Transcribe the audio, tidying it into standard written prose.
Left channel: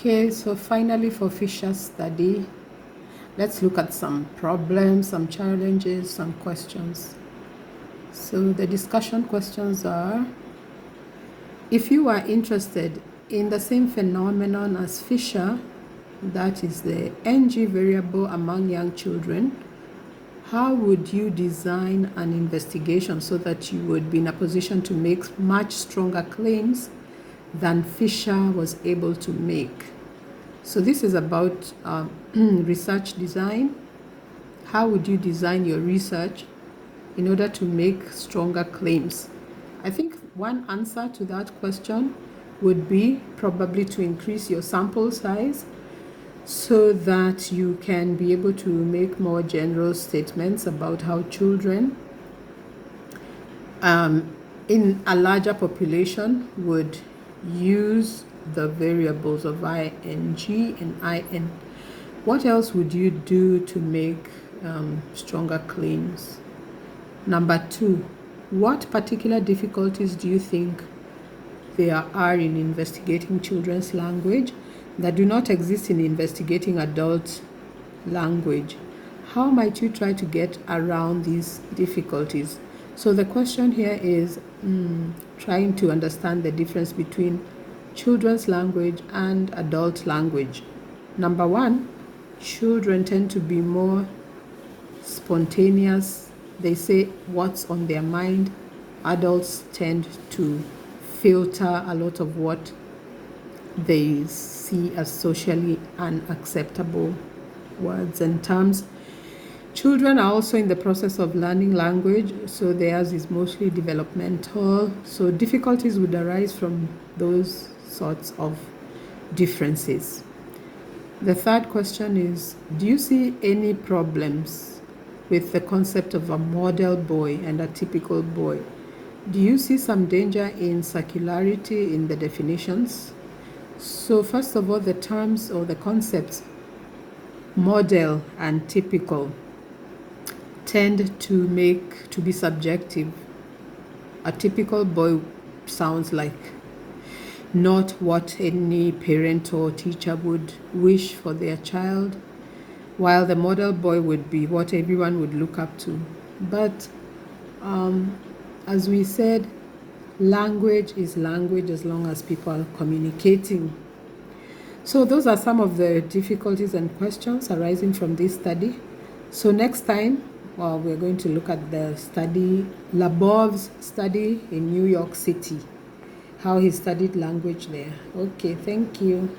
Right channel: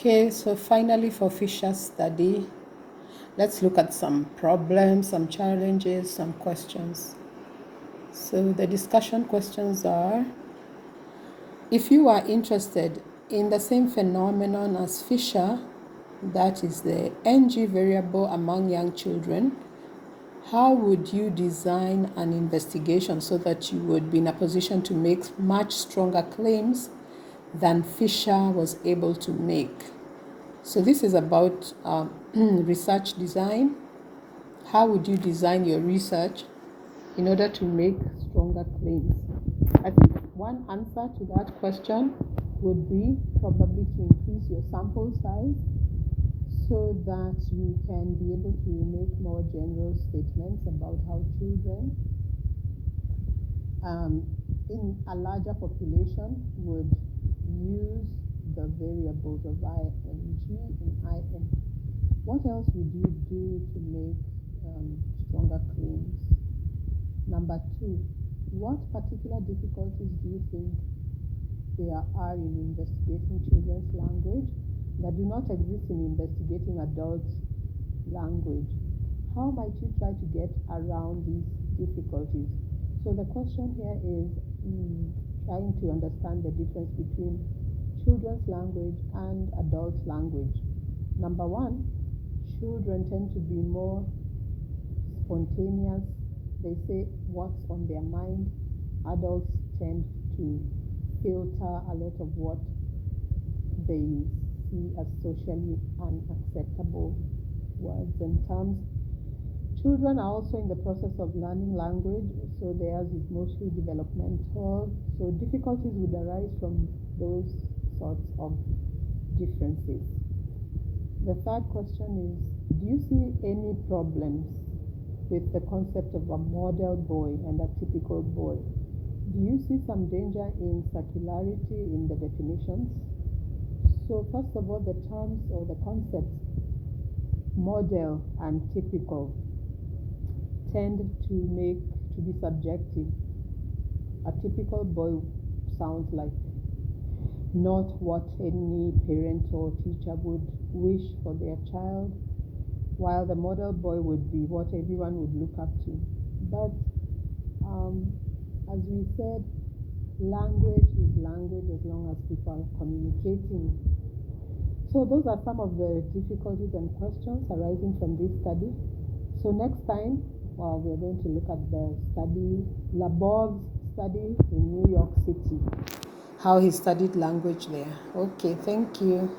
Okay, so finally for Fisher's study, let's look at some problems, some challenges, some questions. So the discussion questions are, if you are interested in the same phenomenon as Fisher, that is the NG variable among young children, how would you design an investigation so that you would be in a position to make much stronger claims than Fisher was able to make? So this is about research design. How would you design your research in order to make stronger claims? I think one answer to that question would be probably to increase your sample size so that you can be able to make more general statements about how children in a larger population would use the variables of ing and in. What else would you do to make stronger claims? Number 2, what particular difficulties do you think there are in investigating children's language that do not exist in investigating adult language? How might you try to get around these difficulties? So the question here is trying to understand the difference between children's language and adult language. Number 1, children tend to be more spontaneous. They say what's on their mind. Adults tend to filter a lot of what they see as socially unacceptable words and terms. Children are also in the process of learning language, so theirs is mostly developmental. So difficulties would arise from those sorts of differences. The third question is, do you see any problems with the concept of a model boy and a typical boy? Do you see some danger in circularity in the definitions? So first of all, the terms or the concepts model and typical tend to be subjective. A typical boy sounds like not what any parent or teacher would wish for their child, while the model boy would be what everyone would look up to. But as we said, language is language as long as people are communicating. So those are some of the difficulties and questions arising from this study. So next time, we're going to look at the study, Labov's study in New York City, how he studied language there. Okay, thank you.